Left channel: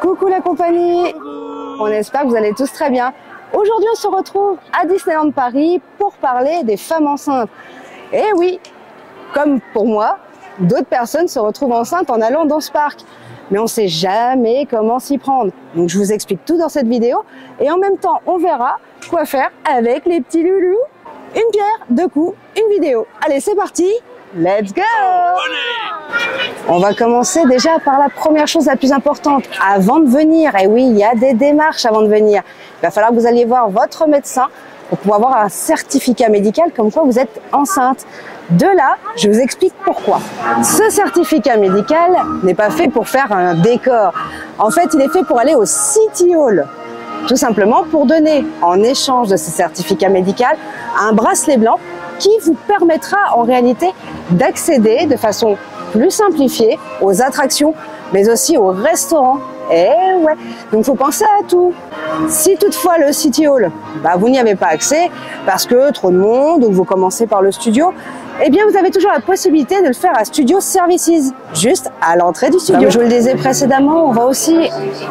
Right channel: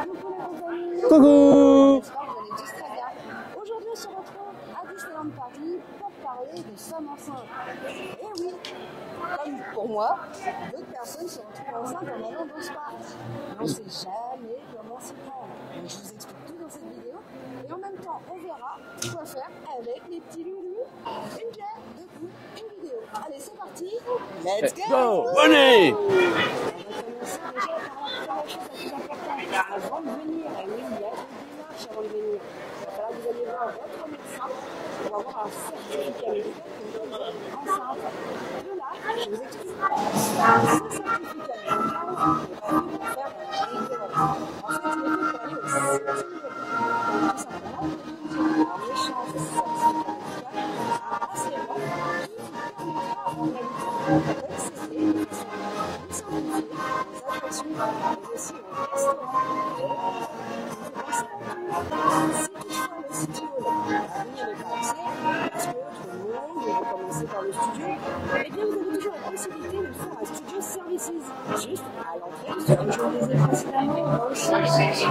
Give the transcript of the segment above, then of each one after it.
Coucou la compagnie. Coucou. On espère que vous allez tous très bien. Aujourd'hui, on se retrouve à Disneyland Paris pour parler des femmes enceintes. Et oui, comme pour moi, d'autres personnes se retrouvent enceintes en allant dans ce parc. Mais on ne sait jamais comment s'y prendre. Donc je vous explique tout dans cette vidéo. Et en même temps, on verra quoi faire avec les petits loulous. Une pierre, deux coups, une vidéo. Allez, c'est parti. Let's go! Allez! On va commencer déjà par la première chose la plus importante. Avant de venir, et oui, il y a des démarches avant de venir. Il va falloir que vous alliez voir votre médecin pour pouvoir avoir un certificat médical comme quoi vous êtes enceinte. De là, je vous explique pourquoi. Ce certificat médical n'est pas fait pour faire un décor. En fait, il est fait pour aller au City Hall. Tout simplement pour donner, en échange de ce certificat médical, un bracelet blanc qui vous permettra en réalité d'accéder de façon plus simplifiée aux attractions, mais aussi aux restaurants. Et ouais, donc il faut penser à tout. Si toutefois le City Hall, vous n'y avez pas accès parce que trop de monde ou vous commencez par le studio, eh bien vous avez toujours la possibilité de le faire à Studio Services, juste à l'entrée du studio. Comme je vous le disais précédemment, on va aussi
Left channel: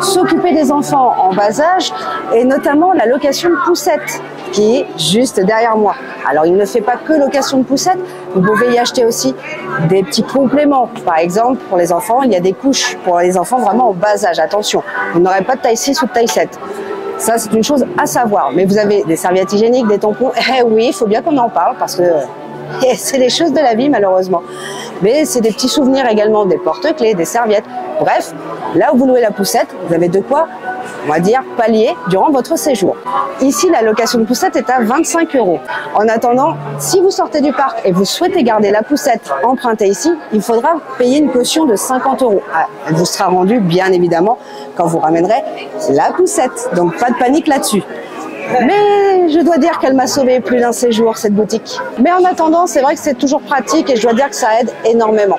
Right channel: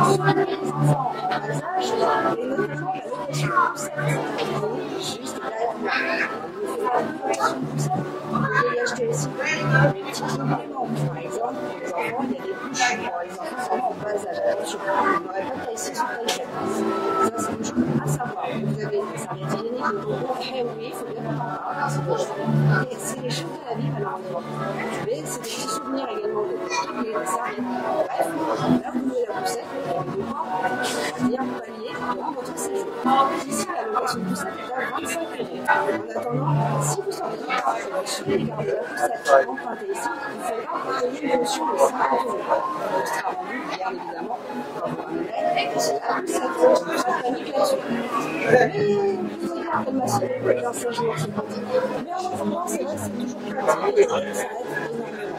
s'occuper des enfants en bas âge et notamment la location de poussettes qui est juste derrière moi. Alors il ne fait pas que location de poussettes, vous pouvez y acheter aussi des petits compléments. Par exemple, pour les enfants, il y a des couches pour les enfants vraiment en bas âge. Attention, vous n'aurez pas de taille 6 ou de taille 7. Ça, c'est une chose à savoir. Mais vous avez des serviettes hygiéniques, des tampons. Eh oui, il faut bien qu'on en parle parce que c'est des choses de la vie, malheureusement. Mais c'est des petits souvenirs également, des porte-clés, des serviettes. Bref, là où vous louez la poussette, vous avez de quoi, on va dire, pallier durant votre séjour. Ici, la location de poussette est à 25 €. En attendant, si vous sortez du parc et vous souhaitez garder la poussette empruntée ici, il faudra payer une caution de 50 €. Elle vous sera rendue, bien évidemment, quand vous ramènerez la poussette. Donc, pas de panique là-dessus. Mais je dois dire qu'elle m'a sauvé plus d'un séjour, cette boutique. Mais en attendant, c'est vrai que c'est toujours pratique et je dois dire que ça aide énormément.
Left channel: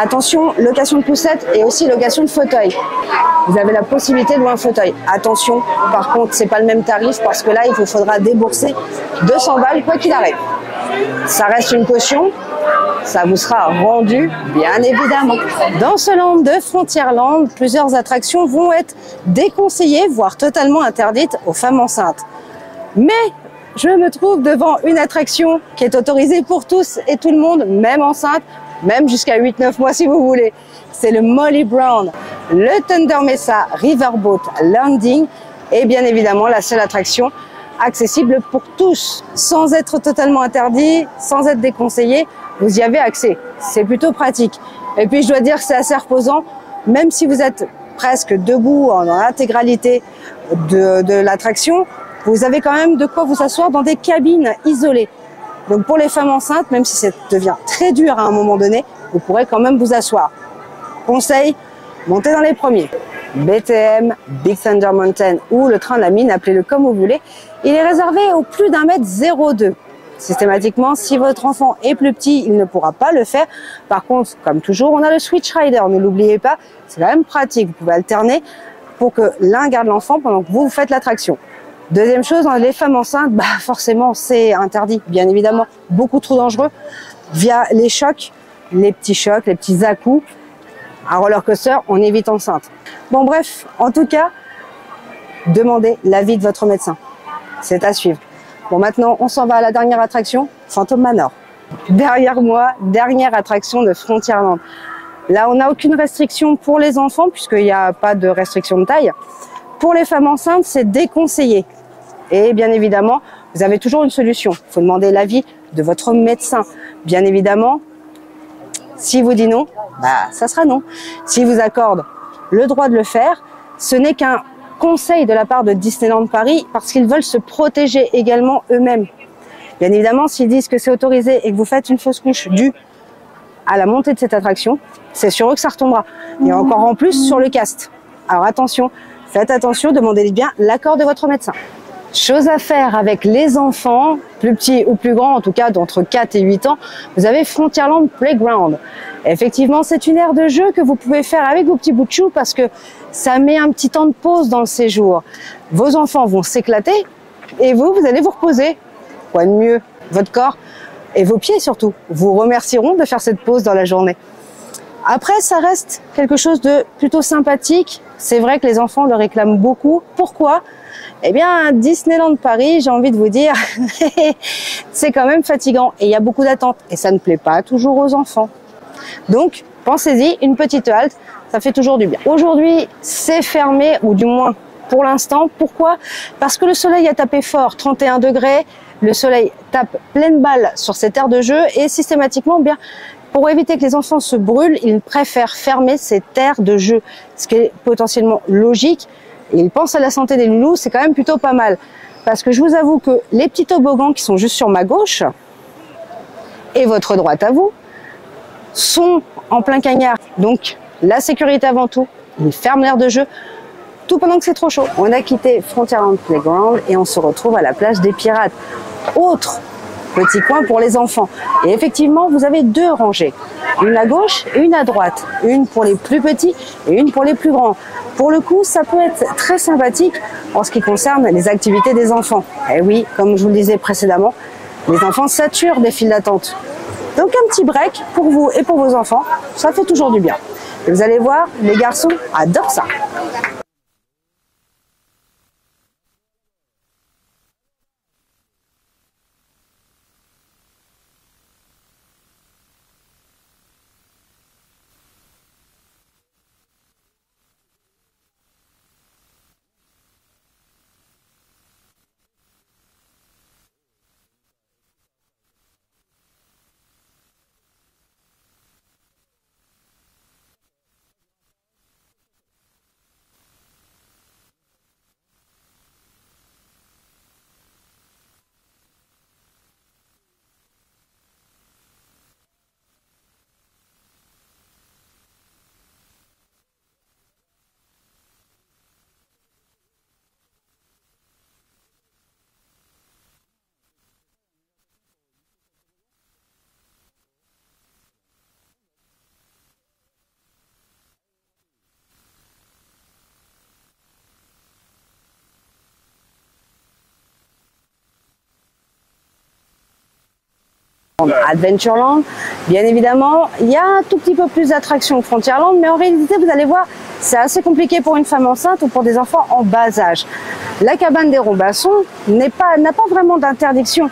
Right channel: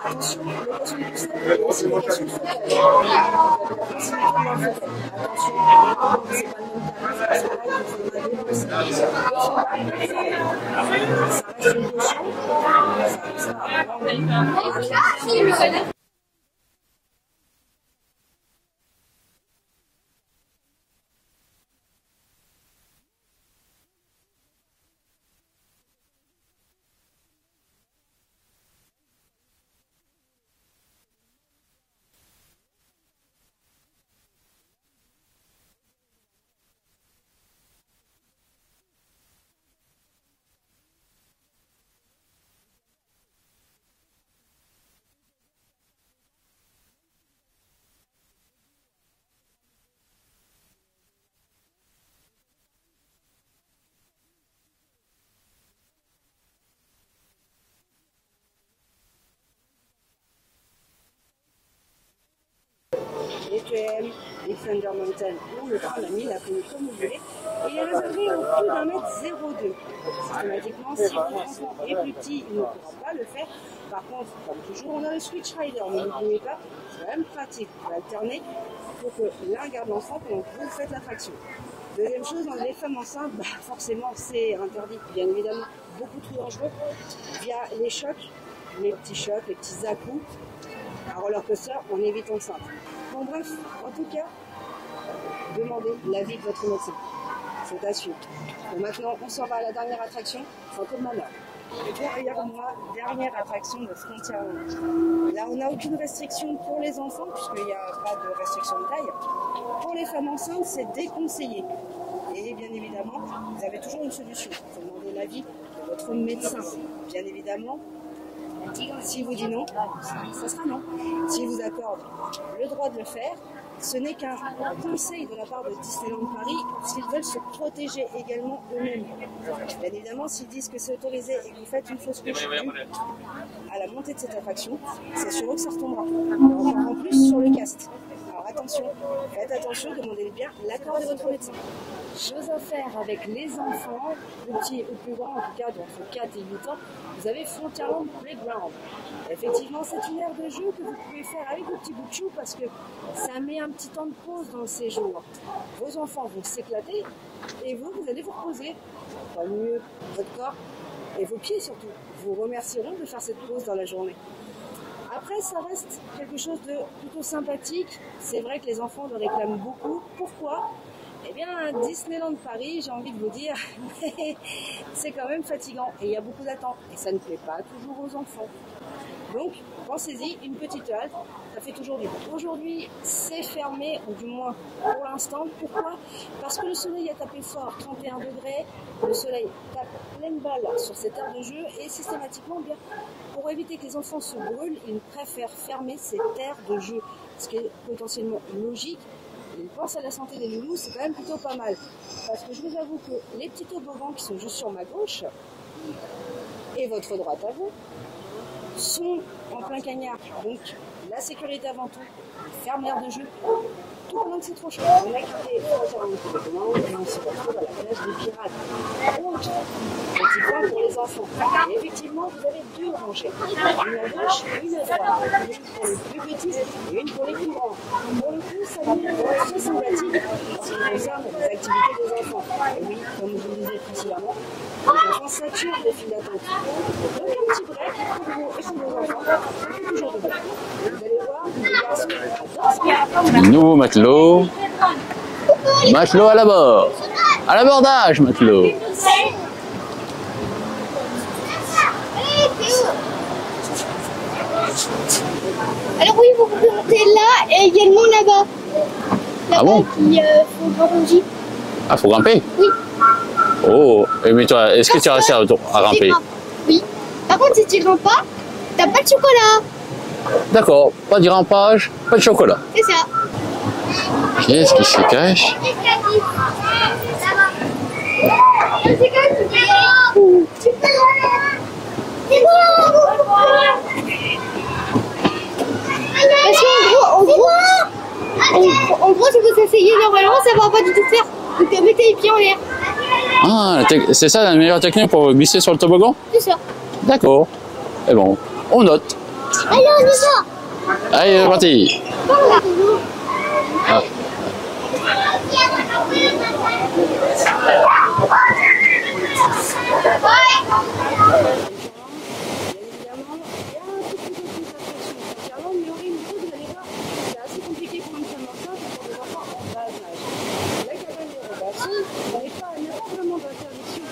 Attention, location de poussette et aussi location de fauteuil. Vous avez la possibilité de louer un fauteuil. Attention, par contre, c'est pas le même tarif parce que là, il vous faudra débourser 200 balles quoi qu'il arrive. Ça reste une caution, ça vous sera rendu, bien évidemment. Dans ce land de Frontierland, plusieurs attractions vont être déconseillées, voire totalement interdites aux femmes enceintes. Mais je me trouve devant une attraction qui est autorisée pour tous et tout le monde, même enceinte, même jusqu'à 8-9 mois si vous voulez. C'est le Molly Brown, le Thunder Mesa Riverboat Landing et bien évidemment la seule attraction accessible pour tous, sans être totalement interdit, sans être déconseillé, vous y avez accès. C'est plutôt pratique. Et puis je dois dire que c'est assez reposant, même si vous êtes presque debout en intégralité de l'attraction, vous avez quand même de quoi vous asseoir dans des cabines isolées. Donc pour les femmes enceintes, même si ça devient très dur à un moment donné, vous pourrez quand même vous asseoir. Conseil, montez dans les premiers. BTM, Big Thunder Mountain ou le train de la mine, appelez-le comme vous voulez, il est réservé au plus d'1,02 m. Systématiquement, si votre enfant est plus petit, il ne pourra pas le faire. Par contre, comme toujours, on a le Switch Rider, ne l'oubliez pas, c'est quand même pratique. Vous pouvez alterner pour que l'un garde l'enfant pendant que vous faites l'attraction. Deuxième chose, les femmes enceintes, forcément, c'est interdit, bien évidemment, beaucoup trop dangereux. Via les chocs, les petits à-coups, un roller coaster, on est vite enceinte. Bon, bref, en tout cas, demandez l'avis de votre médecin. C'est à suivre. Bon, maintenant, on s'en va à la dernière attraction, Phantom Manor. Derrière moi, dernière attraction de Frontierland. Là, on n'a aucune restriction pour les enfants, puisqu'il n'y a pas de restriction de taille. Pour les femmes enceintes, c'est déconseillé. Et bien évidemment, vous avez toujours une solution. Il faut demander l'avis de votre médecin. Bien évidemment, si vous dit non, ça sera non. S'il vous accorde le droit de le faire, ce n'est qu'un conseil de la part de Disneyland Paris parce qu'ils veulent se protéger également eux-mêmes. Bien évidemment, s'ils disent que c'est autorisé et que vous faites une fausse couche due à la montée de cette attraction, c'est sur eux que ça retombera. Et encore en plus sur le cast. Alors attention, faites attention, demandez bien l'accord de votre médecin. Chose à faire avec les enfants, plus petits ou plus grands, en tout cas d'entre 4 et 8 ans, vous avez Frontierland Playground. Effectivement, c'est une aire de jeu que vous pouvez faire avec vos petits bouts de chou parce que ça met un petit temps de pause dans le séjour. Vos enfants vont s'éclater et vous allez vous reposer. Quoi de mieux, votre corps et vos pieds surtout vous remercieront de faire cette pause dans la journée. Après, ça reste quelque chose de plutôt sympathique. C'est vrai que les enfants le réclament beaucoup. Pourquoi? Eh bien, Disneyland Paris, j'ai envie de vous dire, c'est quand même fatigant et il y a beaucoup d'attentes et ça ne plaît pas toujours aux enfants. Donc, pensez-y, une petite halte, ça fait toujours du bien. Aujourd'hui, c'est fermé, ou du moins pour l'instant. Pourquoi? Parce que le soleil a tapé fort, 31 degrés, le soleil tape pleine balle sur cette aire de jeu et systématiquement, bien, pour éviter que les enfants se brûlent, ils préfèrent fermer cette aire de jeu, ce qui est potentiellement logique. Et ils pensent à la santé des loulous, c'est quand même plutôt pas mal. Parce que je vous avoue que les petits toboggans qui sont juste sur ma gauche, et votre droite à vous, sont en plein cagnard. Donc, la sécurité avant tout, ils ferment l'aire de jeu, tout pendant que c'est trop chaud. On a quitté Frontierland Playground et on se retrouve à la plage des Pirates. Autre petit coin pour les enfants. Et effectivement, vous avez deux rangées. Une à gauche et une à droite. Une pour les plus petits et une pour les plus grands. Pour le coup, ça peut être très sympathique en ce qui concerne les activités des enfants. Et oui, comme je vous le disais précédemment, les enfants saturent des files d'attente. Donc un petit break pour vous et pour vos enfants, ça fait toujours du bien. Et vous allez voir, les garçons adorent ça. Nouveau matelot. Matelot à la bord. À l'abordage, matelot. Alors oui, vous pouvez monter là et également là-bas. Là-bas, Ah bon? qui faut grimper. Ah, faut grimper? Oui. Oh, mais toi, est-ce que tu as réussi à grimper? Oui. Par contre, si tu grimpes pas, t'as pas de chocolat. D'accord, pas de grimpage, pas de chocolat. C'est ça. Qu'est-ce qui se cache? Parce qu'en gros, si vous essayez normalement, ça va pas du tout faire. Donc mettez les pieds en l'air. Ah, c'est ça la meilleure technique pour glisser sur le toboggan? C'est ça. D'accord. Et bon, on note. Allez, on y va. Allez, c'est parti. Ah. Adventureland, bien évidemment, il y a un tout petit peu plus d'attractions que Frontierland, mais en réalité, vous allez voir, c'est assez compliqué pour une femme enceinte ou pour des enfants en bas âge. La cabane des Robinson n'a pas vraiment d'interdiction.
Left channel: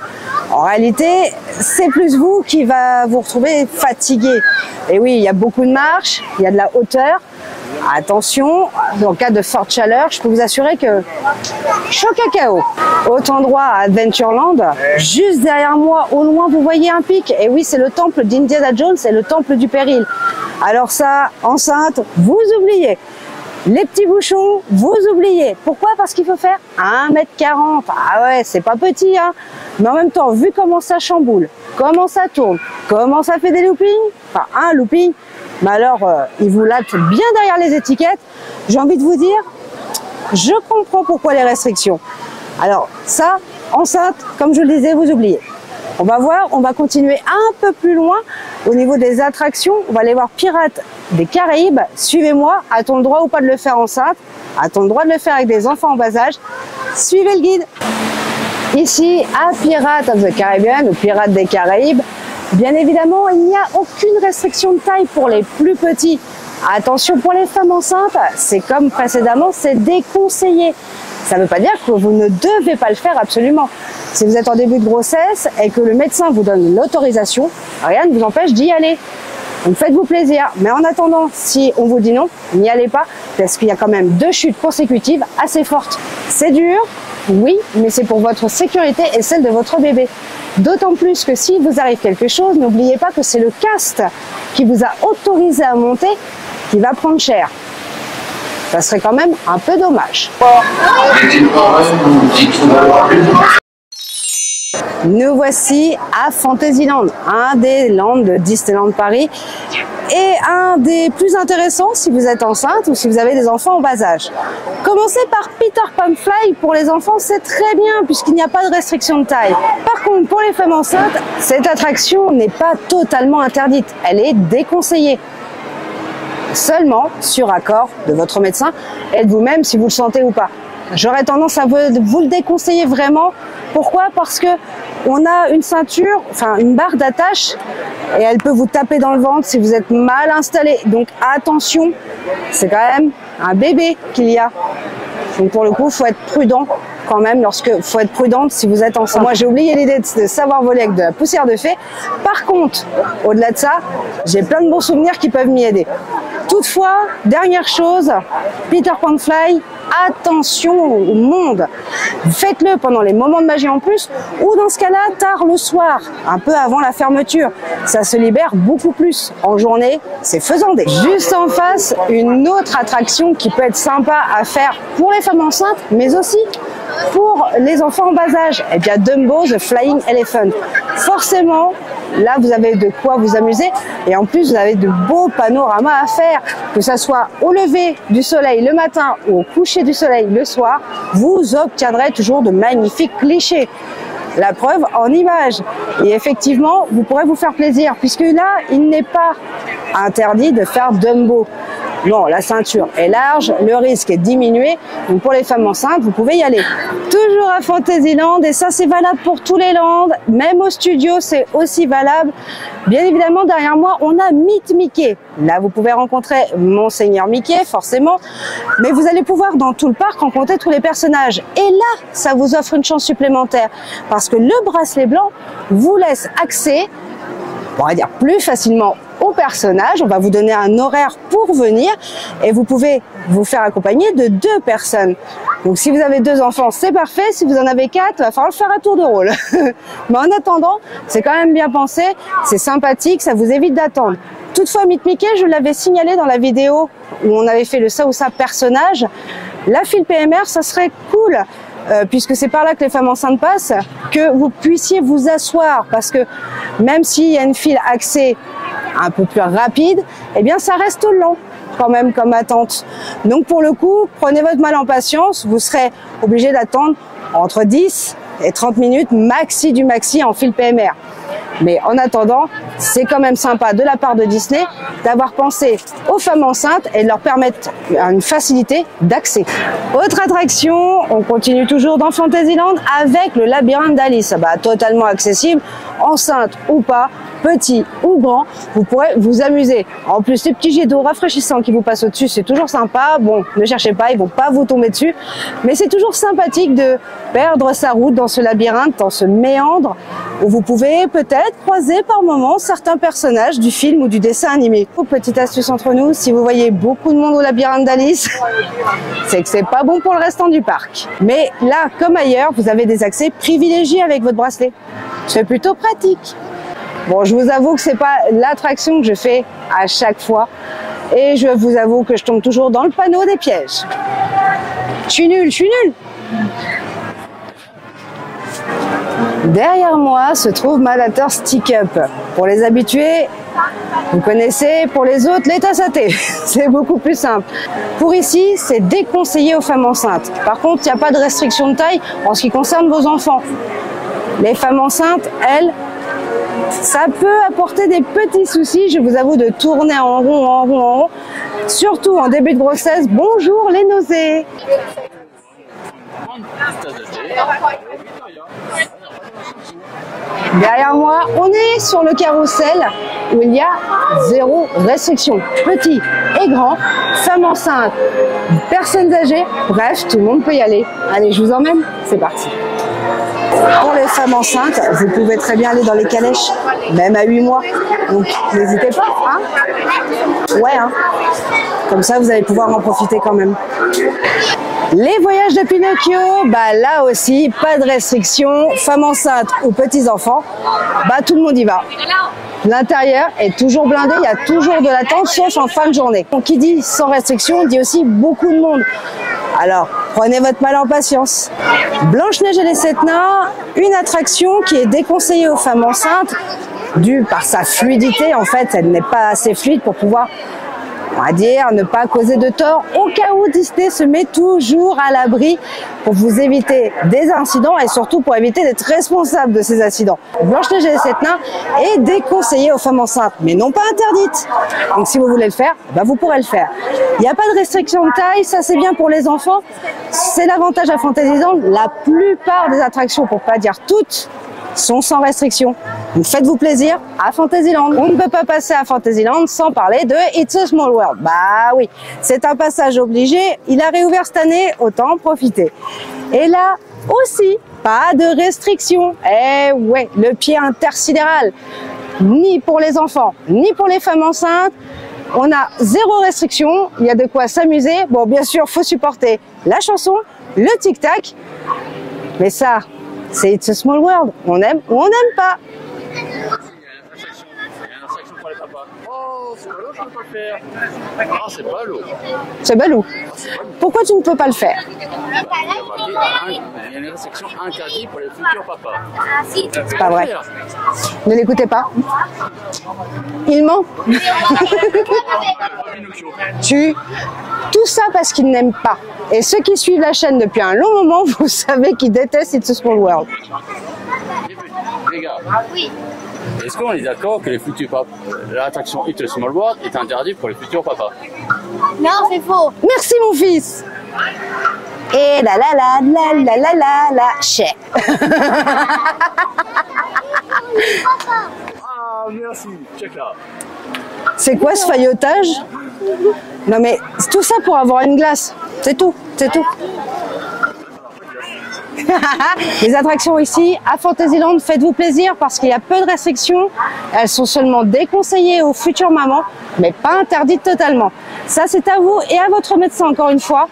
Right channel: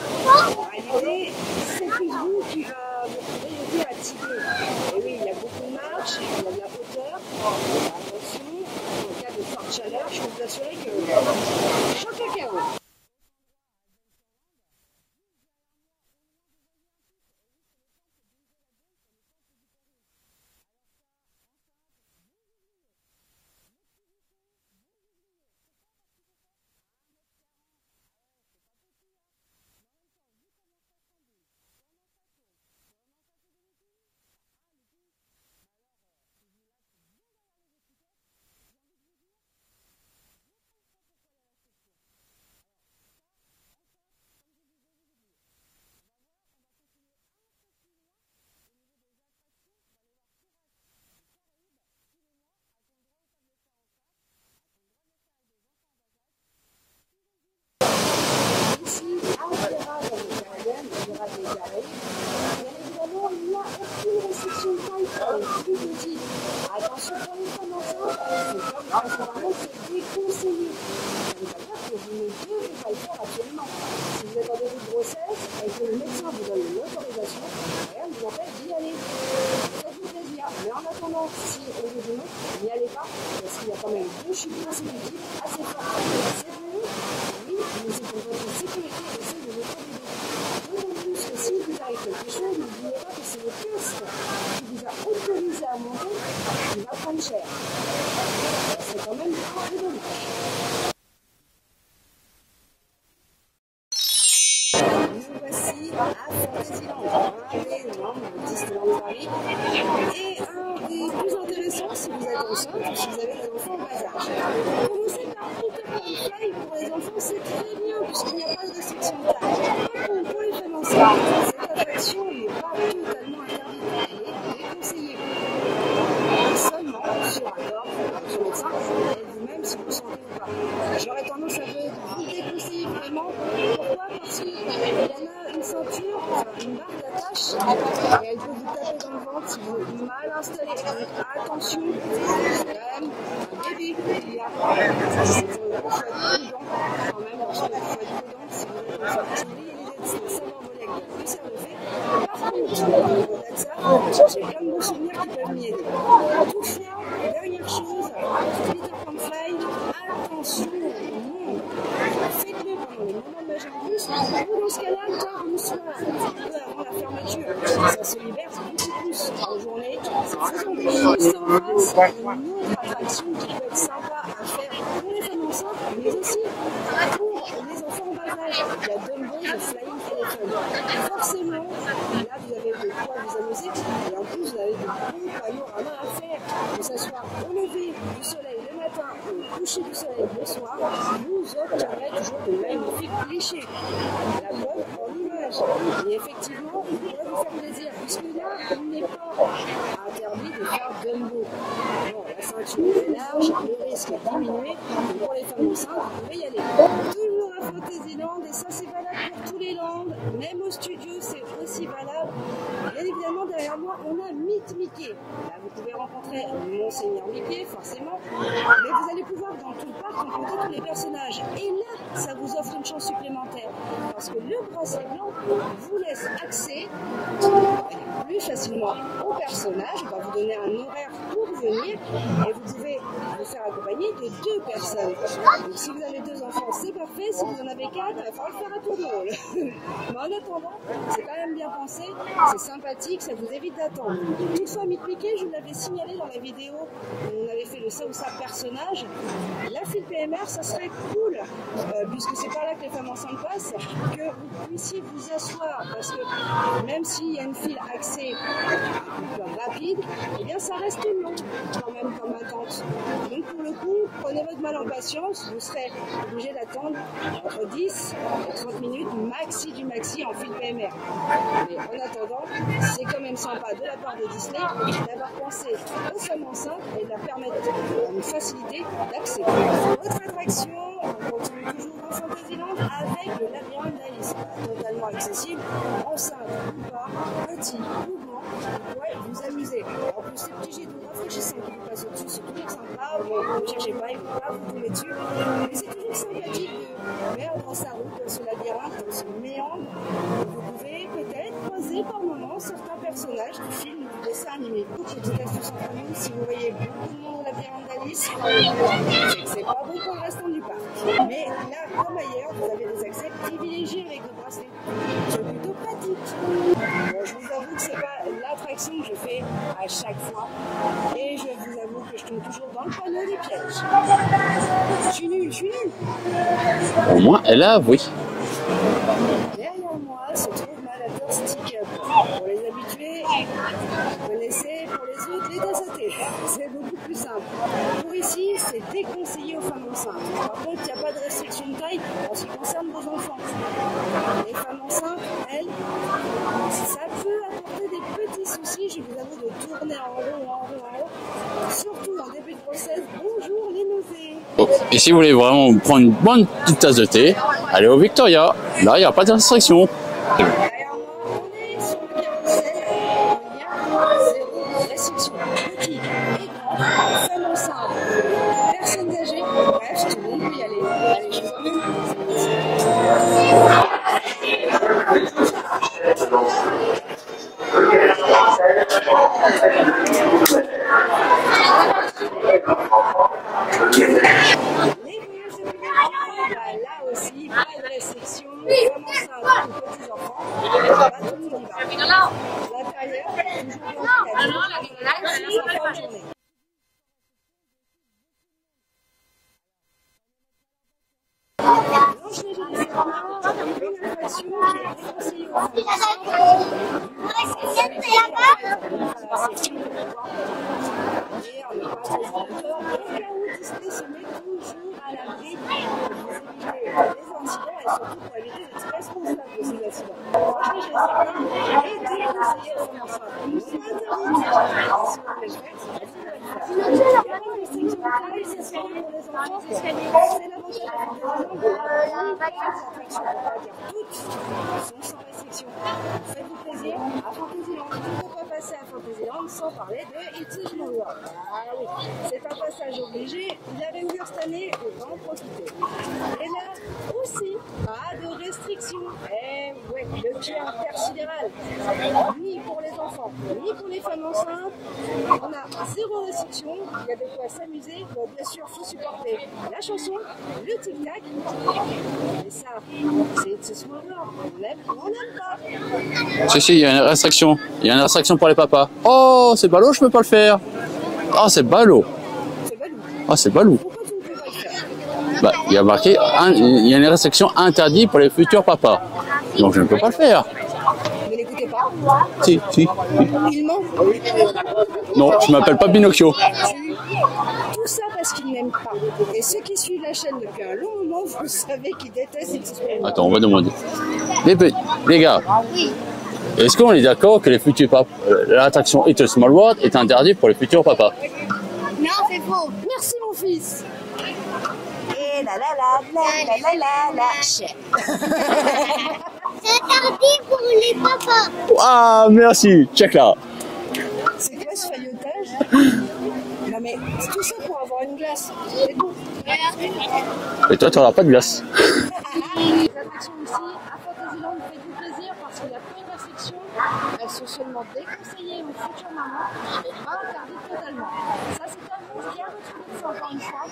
En réalité, c'est plus vous qui va vous retrouver fatigué. Et oui, il y a beaucoup de marches, il y a de la hauteur. Attention, en cas de forte chaleur, je peux vous assurer que chaud cacao. Autre endroit à Adventureland, juste derrière moi, au loin, vous voyez un pic. Et oui, c'est le temple d'Indiana Jones, c'est le temple du péril. Alors ça, enceinte, vous oubliez. Les petits bouchons, vous oubliez. Pourquoi? Parce qu'il faut faire 1,40 m. Ah ouais, c'est pas petit, hein. Mais en même temps, vu comment ça chamboule, comment ça tourne, comment ça fait des loopings, enfin un looping, mais alors il vous latte bien derrière les étiquettes. J'ai envie de vous dire, je comprends pourquoi les restrictions. Alors ça, enceinte, comme je le disais, vous oubliez. On va voir, on va continuer un peu plus loin au niveau des attractions. On va aller voir Pirates des Caraïbes. Suivez-moi. A-t-on le droit ou pas de le faire enceinte? A-t-on le droit de le faire avec des enfants en bas âge? Suivez le guide. Ici, à Pirates of the Caribbean ou Pirates des Caraïbes, bien évidemment, il n'y a aucune restriction de taille pour les plus petits. Attention pour les femmes enceintes, c'est comme précédemment, c'est déconseillé. Ça ne veut pas dire que vous ne devez pas le faire absolument. Si vous êtes en début de grossesse et que le médecin vous donne l'autorisation, rien ne vous empêche d'y aller. Donc faites-vous plaisir. Mais en attendant, si on vous dit non, n'y allez pas, parce qu'il y a quand même 2 chutes consécutives assez fortes. C'est dur, oui, mais c'est pour votre sécurité et celle de votre bébé. D'autant plus que s'il vous arrive quelque chose, n'oubliez pas que c'est le cast qui vous a autorisé à monter qui va prendre cher. Ça serait quand même un peu dommage. Nous voici à Fantasyland, un des lands de Disneyland Paris et un des plus intéressants si vous êtes enceinte ou si vous avez des enfants en bas âge. Commencez par Peter Pan Fly pour les enfants, c'est très bien puisqu'il n'y a pas de restriction de taille. Par contre, pour les femmes enceintes, cette attraction n'est pas totalement interdite, elle est déconseillée. Seulement sur accord de votre médecin et de vous-même si vous le sentez ou pas. J'aurais tendance à vous le déconseiller vraiment. Pourquoi? Parce que On a une ceinture, enfin une barre d'attache, et elle peut vous taper dans le ventre si vous êtes mal installé. Donc attention, c'est quand même un bébé qu'il y a. Donc pour le coup, il faut être prudent quand même faut être prudente si vous êtes enceinte. Moi, j'ai oublié l'idée de savoir voler avec de la poussière de fée. Par contre, au-delà de ça, j'ai plein de bons souvenirs qui peuvent m'y aider. Toutefois, dernière chose, Peter Pan Fly, attention au monde. Faites-le pendant les moments de magie en plus, ou dans ce cas-là, tard le soir, un peu avant la fermeture. Ça se libère beaucoup plus. En journée, c'est faisandé. Juste en face, une autre attraction qui peut être sympa à faire pour les femmes enceintes, mais aussi pour les enfants en bas âge. Eh bien, Dumbo, The Flying Elephant. Forcément, là, vous avez de quoi vous amuser. Et en plus, vous avez de beaux panoramas à faire. Que ça soit au lever du soleil le matin ou au coucher du soleil le soir, vous obtiendrez toujours de magnifiques clichés. La preuve en images. Et effectivement, vous pourrez vous faire plaisir, puisque là, il n'est pas interdit de faire Dumbo. Non, la ceinture est large, le risque est diminué. Donc pour les femmes enceintes, vous pouvez y aller. Toujours à Fantasyland, et ça c'est valable pour tous les lands, même au studio c'est aussi valable. Bien évidemment, derrière moi, on a Meet Mickey. Là, vous pouvez rencontrer Monseigneur Mickey, forcément. Mais vous allez pouvoir, dans tout le parc, rencontrer tous les personnages. Et là, ça vous offre une chance supplémentaire. Parce que le bracelet blanc vous laisse accès, on va dire plus facilement au personnage. On va vous donner un horaire pour venir et vous pouvez vous faire accompagner de 2 personnes. Donc si vous avez 2 enfants, c'est parfait. Si vous en avez 4, il va falloir le faire à tour de rôle. Mais en attendant, c'est quand même bien pensé, c'est sympathique, ça vous évite d'attendre. Toutefois, Meet Mickey, je l'avais signalé dans la vidéo où on avait fait le ça ou ça personnage. La file PMR, ça serait cool. Puisque c'est par là que les femmes enceintes passent, que vous puissiez vous asseoir, parce que même s'il y a une file accès un peu plus rapide, eh bien ça reste lent quand même comme attente. Donc pour le coup, prenez votre mal en patience, vous serez obligé d'attendre entre 10 et 30 minutes maxi du maxi en file PMR. Mais en attendant, c'est quand même sympa de la part de Disney d'avoir pensé aux femmes enceintes et de leur permettre une facilité d'accès. Autre attraction, on continue toujours dans Fantasyland avec le labyrinthe d'Alice. Totalement accessible, enceinte ou pas, petit ou grand, vous pourrez vous amuser. En plus, les petits jets d'eau rafraîchissants qui vous passent au-dessus, c'est toujours sympa. Bon, ne cherchez pas, ils vont pas vous tomber dessus. Mais c'est toujours sympathique de perdre sa route dans ce labyrinthe, dans ce méandre, où vous pouvez peut-être croiser par moments certains personnages du film ou du dessin animé. Petite astuce entre nous, si vous voyez beaucoup de monde au labyrinthe d'Alice, c'est que c'est pas bon pour le restant du parc. Mais là, comme ailleurs, vous avez des accès privilégiés avec votre bracelet. C'est plutôt pratique. Bon, je vous avoue que c'est pas l'attraction que je fais à chaque fois. Et je vous avoue que je tombe toujours dans le panneau des pièges. Je suis nulle. Au moins, elle a, oui. Derrière moi se trouve Malator Stick Up. Pour les habitués, vous connaissez, pour les autres, les tasses à thé. C'est beaucoup plus simple. Pour ici, c'est déconseillé aux femmes enceintes. Par contre, il n'y a pas de restriction de taille en ce qui concerne vos enfants. Les femmes enceintes, elles, ça peut apporter des petits soucis, je vous avoue, de tourner en rond. Surtout en début de grossesse, bonjour les nausées. Et si vous voulez vraiment prendre une bonne petite tasse de thé, allez au Victoria. Là, il n'y a pas de restriction. Derrière moi, on est sur le carrousel où il y a 0 restriction. Petit et grand, femmes enceintes, personnes âgées, bref, tout le monde peut y aller. Allez, je vous emmène, c'est parti. Pour les femmes enceintes, vous pouvez très bien aller dans les calèches, même à 8 mois. Donc n'hésitez pas, hein. Ouais, hein. Comme ça, vous allez pouvoir en profiter quand même. Les voyages de Pinocchio, là aussi, pas de restriction. Femmes enceintes ou petits-enfants, tout le monde y va. L'intérieur est toujours blindé, il y a toujours de l'attente, sauf en fin de journée. Donc, qui dit sans restriction, dit aussi beaucoup de monde. Alors, prenez votre mal en patience. Blanche-Neige et les 7 nains, une attraction qui est déconseillée aux femmes enceintes, due par sa fluidité. En fait, elle n'est pas assez fluide pour pouvoir, on va dire, ne pas causer de tort. Au cas où, Disney se met toujours à l'abri pour vous éviter des incidents et surtout pour éviter d'être responsable de ces incidents. Blanche-Neige et les 7 nains est déconseillée aux femmes enceintes, mais non pas interdite. Donc si vous voulez le faire, vous pourrez le faire. Il n'y a pas de restriction de taille, ça c'est bien pour les enfants. C'est l'avantage à Fantasyland. La plupart des attractions, pour pas dire toutes, sont sans restriction. Donc faites-vous plaisir à Fantasyland. On ne peut pas passer à Fantasyland sans parler de It's a Small World. Bah oui, c'est un passage obligé. Il a réouvert cette année, autant en profiter. Et là aussi, pas de restriction. Eh ouais, le pied intersidéral, ni pour les enfants, ni pour les femmes enceintes. On a zéro restriction, il y a de quoi s'amuser. Bon, bien sûr, faut supporter la chanson, le tic-tac. Mais ça, c'est It's a Small World. On aime ou on n'aime pas. Si, il y a une restriction. Il y a une restriction pour les papas. Oh, c'est ballot, je peux pas le faire. Oh, c'est ballot. C'est balou. Oh, c'est ballot. Pourquoi tu ne peux pas le faire? Bah, il y a marqué, il y a une restriction interdite pour les futurs papas. Donc je ne peux pas le faire. Ne l'écoutez pas. Si. Il ment. Non, je m'appelle pas Pinocchio. Tout ça parce qu'ils n'aiment pas. Et ceux qui suivent la chaîne depuis un long moment, vous savez qu'ils détestent It's a Small World. Attends, on va demander. Les gars, est-ce qu'on est d'accord que les futurs papas, l'attraction It's a Small World est interdite pour les futurs papas? Non, c'est faux. Merci mon fils. Et la chais. C'est interdit pour les papas. Ah, merci, check là. C'est quoi ce faillotage? Non mais tout ça pour avoir une glace. C'est tout, c'est tout. Et toi, tu n'auras pas de glace. Les attractions ici, à Fantasyland, faites-vous plaisir parce qu'il y a peu de restrictions. Elles sont seulement déconseillées aux futures mamans, mais pas interdites totalement. Ça, c'est à vous et à votre médecin, encore une fois,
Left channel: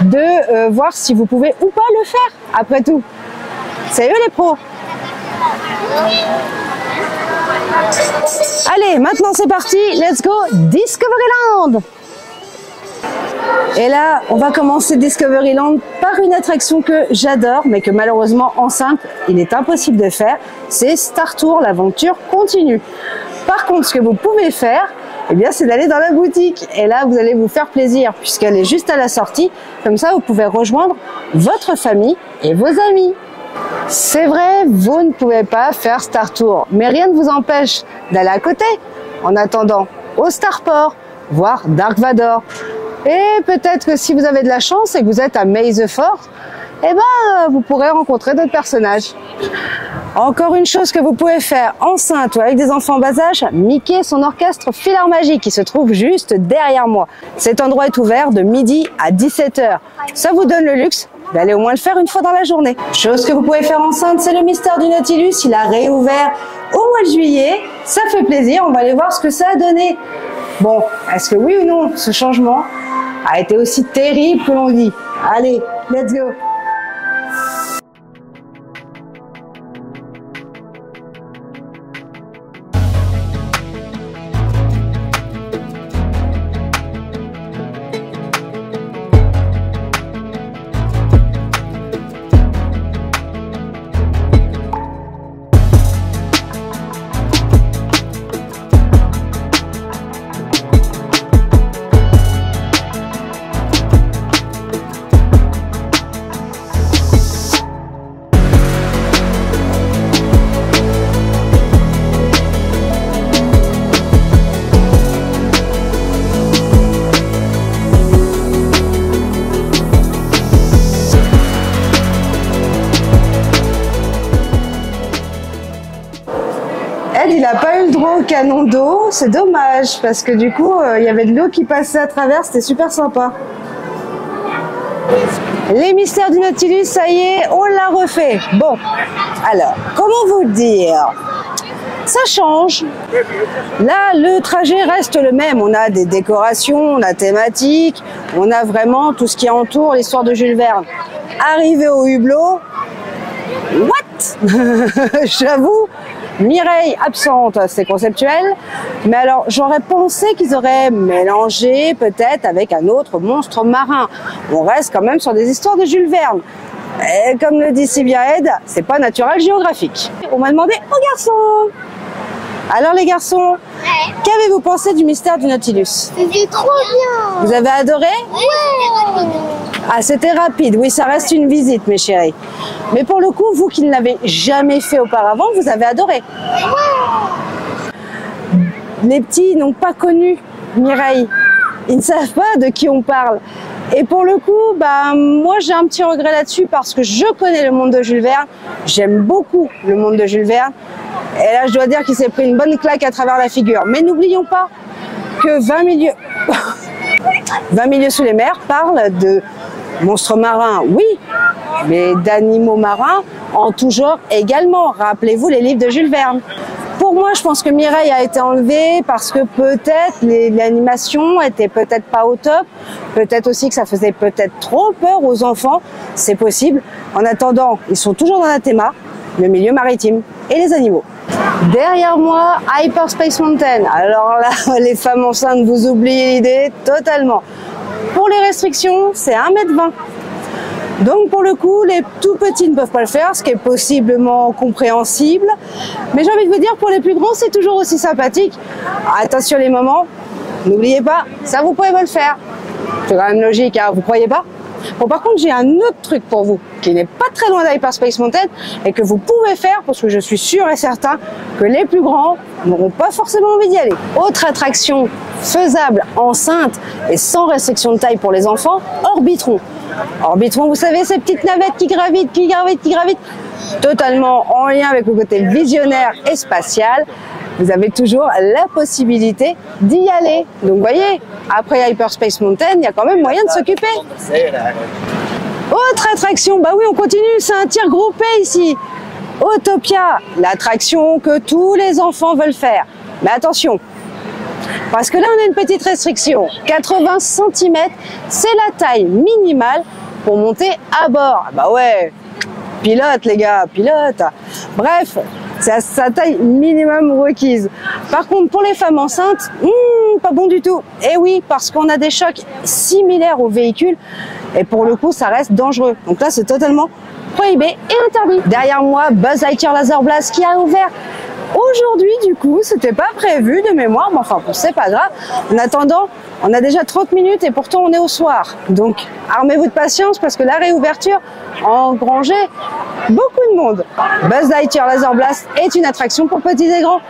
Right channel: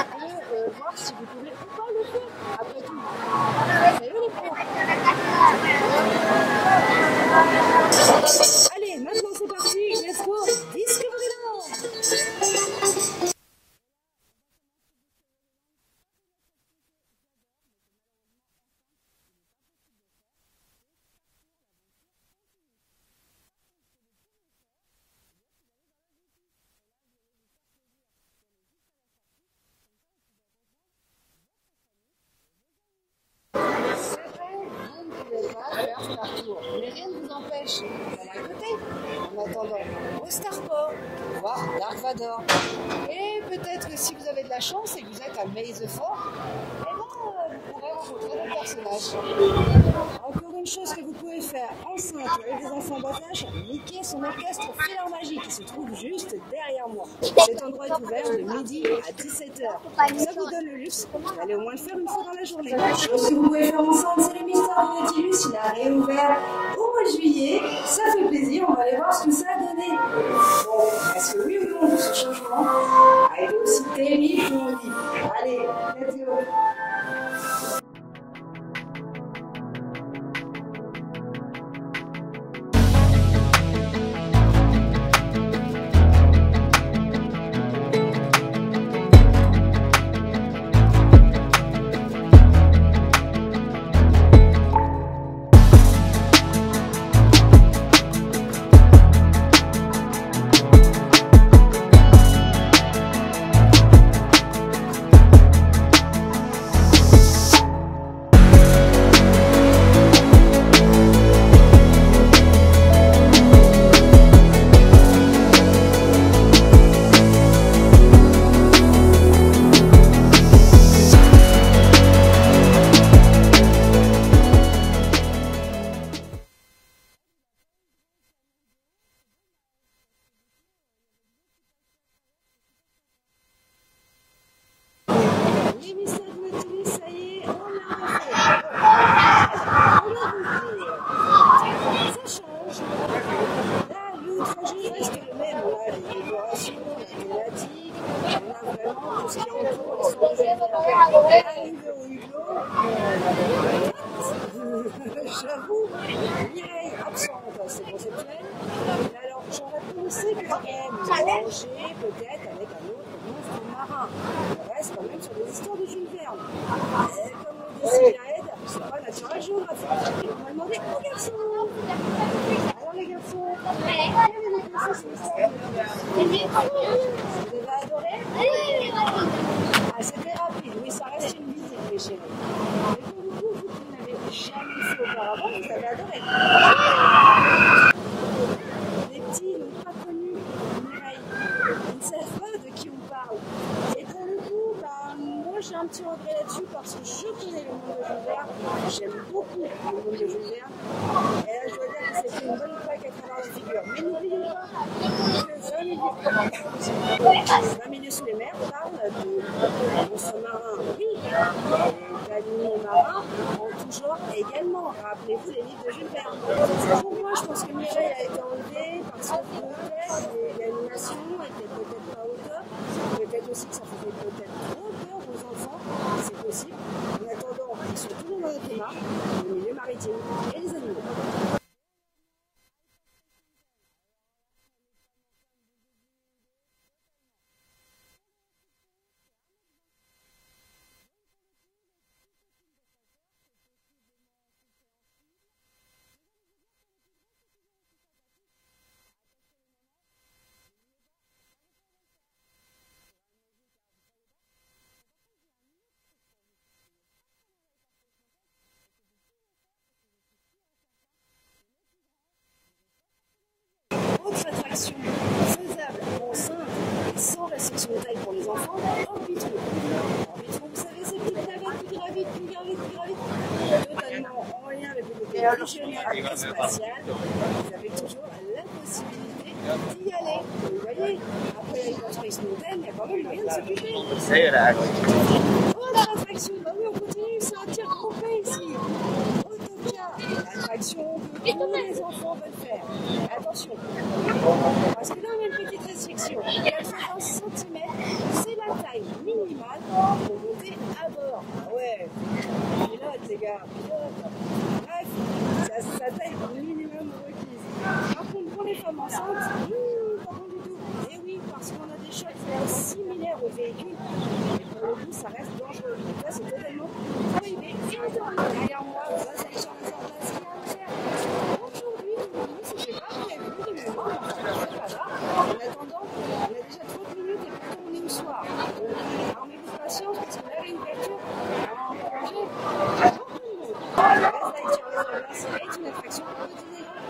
de voir si vous pouvez ou pas le faire, après tout. C'est eux les pros. Allez, maintenant c'est parti, let's go Discoveryland. Et là, on va commencer Discoveryland par une attraction que j'adore, mais que malheureusement enceinte, il est impossible de faire. C'est Star Tour, l'aventure continue. Par contre, ce que vous pouvez faire, eh bien, c'est d'aller dans la boutique. Et là, vous allez vous faire plaisir, puisqu'elle est juste à la sortie. Comme ça, vous pouvez rejoindre votre famille et vos amis. C'est vrai, vous ne pouvez pas faire Star Tour, mais rien ne vous empêche d'aller à côté, en attendant au Starport, voir Dark Vador. Et peut-être que si vous avez de la chance et que vous êtes à May the 4th, eh ben, vous pourrez rencontrer d'autres personnages. Encore une chose que vous pouvez faire enceinte ou avec des enfants bas âge, Mickey et son orchestre Philharmagie qui se trouve juste derrière moi. Cet endroit est ouvert de midi à 17 h. Ça vous donne le luxe d'aller au moins le faire une fois dans la journée. Chose que vous pouvez faire enceinte, c'est le mystère du Nautilus. Il a réouvert au mois de juillet. Ça fait plaisir, on va aller voir ce que ça a donné. Bon, est-ce que oui ou non, ce changement a été aussi terrible que l'on dit? Allez, let's go! Il n'a pas eu le droit au canon d'eau, c'est dommage, parce que du coup, il y avait de l'eau qui passait à travers, c'était super sympa. Les mystères du Nautilus, ça y est, on l'a refait. Bon, alors, comment vous dire? Ça change. Là, le trajet reste le même. On a des décorations, on a thématiques, on a vraiment tout ce qui entoure l'histoire de Jules Verne. Arrivé au hublot, what? J'avoue, Mireille absente, c'est conceptuel. Mais alors, j'aurais pensé qu'ils auraient mélangé peut-être avec un autre monstre marin. On reste quand même sur des histoires de Jules Verne. Et comme le dit si bien Ed, c'est pas Natural Geographic. On m'a demandé aux garçons. Alors les garçons, qu'avez-vous pensé du mystère du Nautilus? C'était trop bien. Vous avez adoré? Ouais. Ah, c'était rapide. Oui, ça reste une visite, mes chéris. Mais pour le coup, vous qui ne l'avez jamais fait auparavant, vous avez adoré. Les petits n'ont pas connu Mireille. Ils ne savent pas de qui on parle. Et pour le coup, bah, moi j'ai un petit regret là-dessus parce que je connais le monde de Jules Verne. J'aime beaucoup le monde de Jules Verne. Et là, je dois dire qu'il s'est pris une bonne claque à travers la figure. Mais n'oublions pas que 20 milieux sous les mers parle de monstres marins, oui, mais d'animaux marins en tout genre également. Rappelez-vous les livres de Jules Verne. Pour moi, je pense que Mireille a été enlevée parce que peut-être l'animation était peut-être pas au top, peut-être aussi que ça faisait peut-être trop peur aux enfants, c'est possible. En attendant, ils sont toujours dans Athéma, le milieu maritime et les animaux. Derrière moi, Hyperspace Mountain. Alors là, les femmes enceintes, vous oubliez l'idée totalement. Pour les restrictions, c'est 1,20 m. Donc pour le coup, les tout petits ne peuvent pas le faire, ce qui est possiblement compréhensible. Mais j'ai envie de vous dire, pour les plus grands, c'est toujours aussi sympathique. Attention les mamans, n'oubliez pas, ça vous pouvez pas le faire. C'est quand même logique, hein, vous croyez pas? Bon, par contre, j'ai un autre truc pour vous, qui n'est pas très loin d'Hyperspace Mountain, et que vous pouvez faire, parce que je suis sûr et certain que les plus grands n'auront pas forcément envie d'y aller. Autre attraction faisable, enceinte et sans restriction de taille pour les enfants, Orbitron. Orbitron, vous savez, ces petites navettes qui gravitent, totalement en lien avec le côté visionnaire et spatial. Vous avez toujours la possibilité d'y aller. Donc, vous voyez, après Hyperspace Mountain, il y a quand même moyen de s'occuper. Autre attraction, bah oui, on continue, c'est un tir groupé ici. Autopia, l'attraction que tous les enfants veulent faire. Mais attention, parce que là, on a une petite restriction. 80 cm, c'est la taille minimale pour monter à bord. Bah ouais, pilote les gars, pilote. Bref, c'est sa taille minimum requise. Par contre, pour les femmes enceintes, pas bon du tout. Et oui, parce qu'on a des chocs similaires aux véhicules. Et pour le coup, ça reste dangereux. Donc là, c'est totalement prohibé et interdit. Derrière moi, Buzz Lightyear Laser Blast qui a ouvert aujourd'hui, du coup, c'était pas prévu de mémoire, mais enfin, c'est pas grave. En attendant, on a déjà 30 minutes et pourtant on est au soir. Donc, armez-vous de patience parce que la réouverture a engrangé beaucoup de monde. Buzz Lightyear Laser Blast est une attraction pour petits et grands,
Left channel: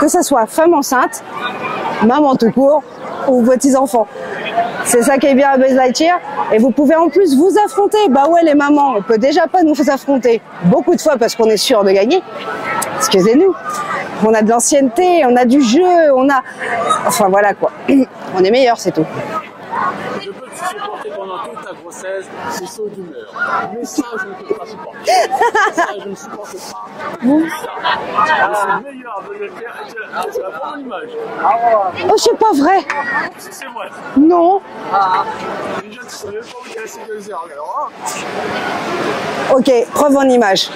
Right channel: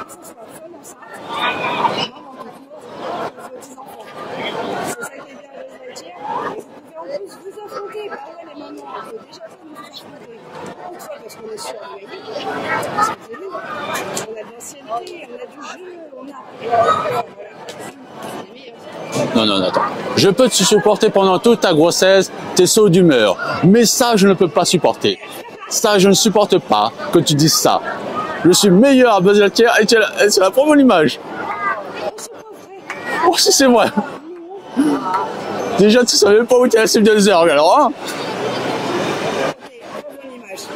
que ce soit femme enceinte, maman tout court ou petits enfants. C'est ça qui est bien à Buzz Lightyear. Et vous pouvez en plus vous affronter. Bah ouais, les mamans, on peut déjà pas nous affronter beaucoup de fois parce qu'on est sûr de gagner. Excusez-nous. On a de l'ancienneté, on a du jeu, on a... Enfin voilà quoi. On est meilleurs, c'est tout. Non, attends. Je peux te supporter pendant toute ta grossesse, tes sauts d'humeur. Mais ça, je ne peux pas supporter. Ça, je ne supporte pas que tu dises ça. Je suis meilleur à Buzz Lightyear et c'est la première image. Oh, c'est pas vrai. Oh, si c'est vrai. Non. Déjà, tu savais pas où tu es à Civilization, alors, hein? Ok, preuve en image.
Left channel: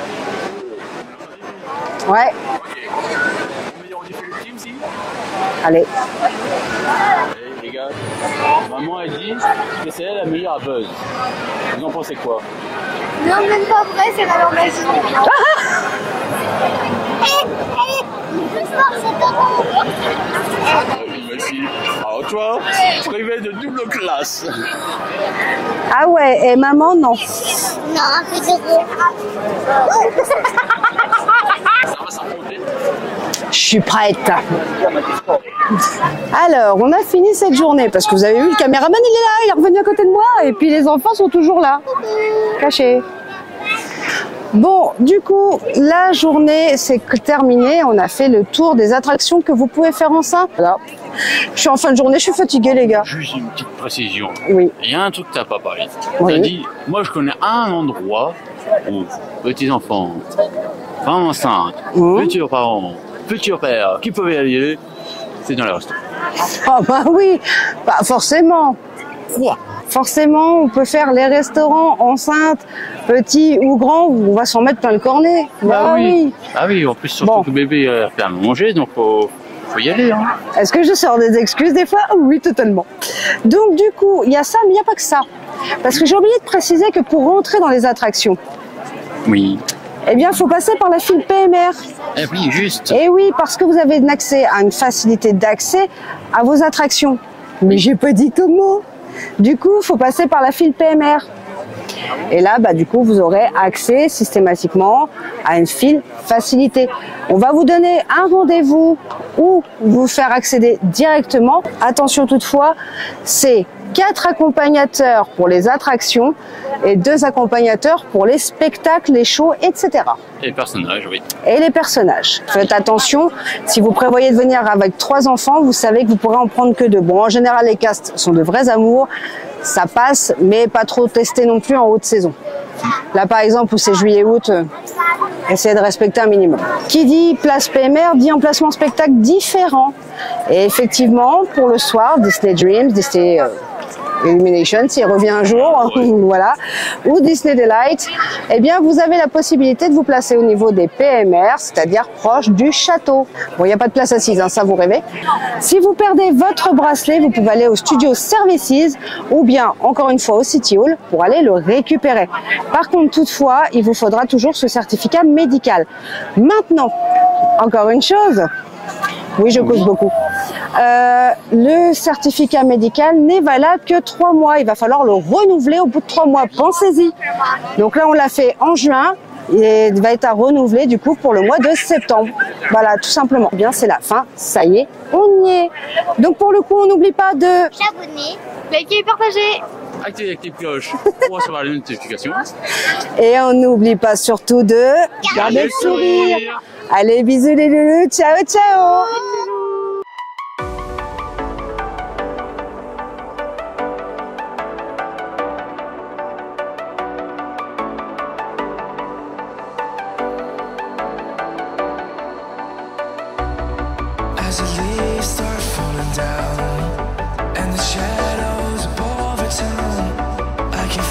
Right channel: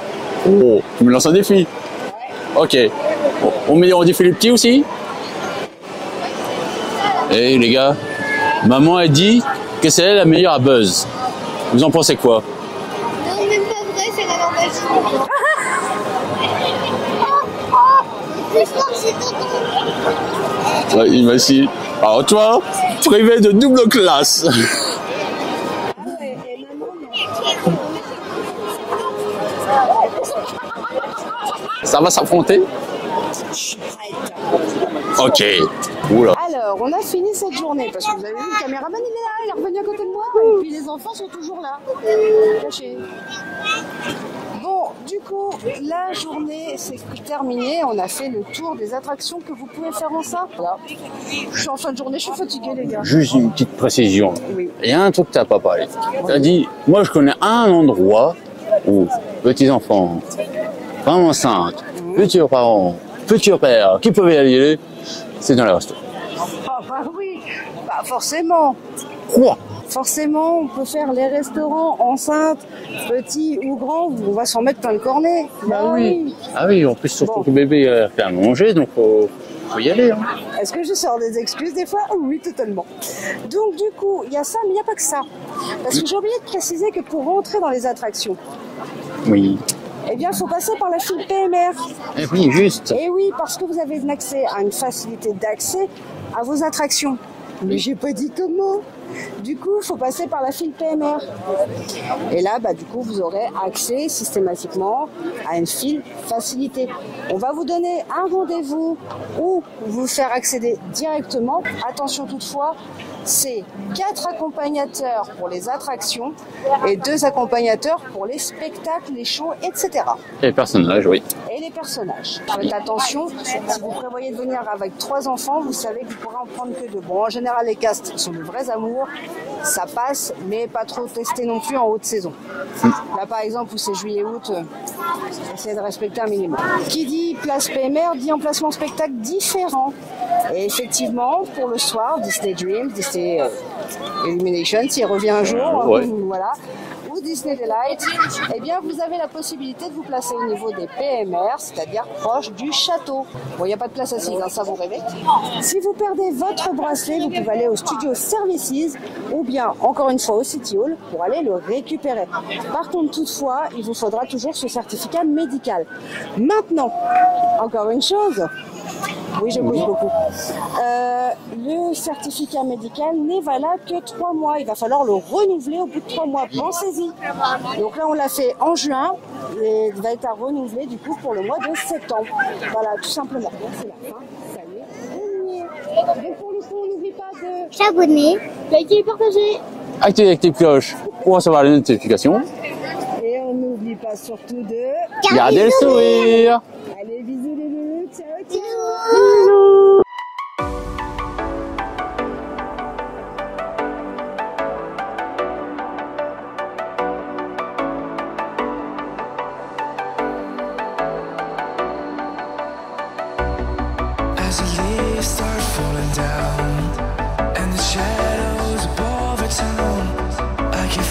Oh, tu me lances un défi. Ouais. Ok. On met en défi les petits aussi? Allez. Eh les gars, maman a dit que c'est elle la meilleure à Buzz. Vous en pensez quoi? Non, même pas vrai, c'est la normale. Le plus fort, c'est tonton. Ouais, il m'a dit. Alors toi, privé de double classe. Ah ouais, et maman, non. Non, un peu de Ça va s'affronter? Je suis prête. Ok. Oula. Alors, on a fini cette journée parce que vous avez vu, le caméraman, il est là, il est revenu à côté de moi. Et puis les enfants sont toujours là, cachés. Bon, du coup, la journée c'est terminée. On a fait le tour des attractions que vous pouvez faire enceinte. Voilà. Je suis en fin de journée, je suis fatiguée, les gars. Juste une petite précision. Oui. Il y a un truc que tu n'as pas parlé. Oui. Tu as dit, moi je connais un endroit où petits-enfants, femmes enceintes, futurs parents, futurs pères, qui peuvent y aller, c'est dans les restos. Ah bah oui, bah forcément. Quoi? Forcément, on peut faire les restaurants enceintes, petits ou grands, on va s'en mettre plein le cornet. Bah oui. Ah oui, en plus surtout Bon. que bébé a fait à manger, donc faut y aller. Hein. Est-ce que je sors des excuses des fois? Oui, totalement. Donc du coup, il y a ça, mais il n'y a pas que ça. Parce que j'ai oublié de préciser que pour rentrer dans les attractions, Oui. eh bien, il faut passer par la file PMR. Et oui, juste. Et oui, parce que vous avez un accès à une facilité d'accès à vos attractions. Mais j'ai pas dit comment. Du coup, il faut passer par la file PMR. Et là, du coup, vous aurez accès systématiquement à une file facilitée. On va vous donner un rendez-vous ou vous faire accéder directement. Attention toutefois, c'est 4 accompagnateurs pour les attractions et 2 accompagnateurs pour les spectacles, les shows, etc. Et les personnages, oui. Et les personnages. Faites attention, si vous prévoyez de venir avec 3 enfants, vous savez que vous pourrez en prendre que 2. Bon, en général, les castes sont de vrais amours. Ça passe, mais pas trop testé non plus en haute saison. Là, par exemple, où c'est juillet-août, essayez de respecter un minimum. Qui dit place PMR dit emplacement spectacle différent. Et effectivement, pour le soir, Disney Dreams, Disney Illumination, s'il revient un jour, ouais. Voilà, ou Disney Delight, eh bien, vous avez la possibilité de vous placer au niveau des PMR, c'est-à-dire proche du château. Bon, il n'y a pas de place assise, hein, ça vous rêvez. Si vous perdez votre bracelet, vous pouvez aller au Studio Services ou bien, encore une fois, au City Hall pour aller le récupérer. Par contre, toutefois, il vous faudra toujours ce certificat médical. Maintenant, encore une chose. Oui, je cause beaucoup. Le certificat médical n'est valable que 3 mois. Il va falloir le renouveler au bout de 3 mois. Pensez-y. Donc là, on l'a fait en juin. Il va être à renouveler du coup pour le mois de septembre. Voilà, tout simplement. Bien, c'est la fin. Ça y est, on y est. Donc pour le coup, on n'oublie pas de s'abonner, liker et partager. Activez les petites cloches pour recevoir les notifications. Et on n'oublie pas surtout de garder le sourire. Allez, bisous les loulous. Ciao, ciao. Bisous. As the leaves start falling down and the shadows above the town, I can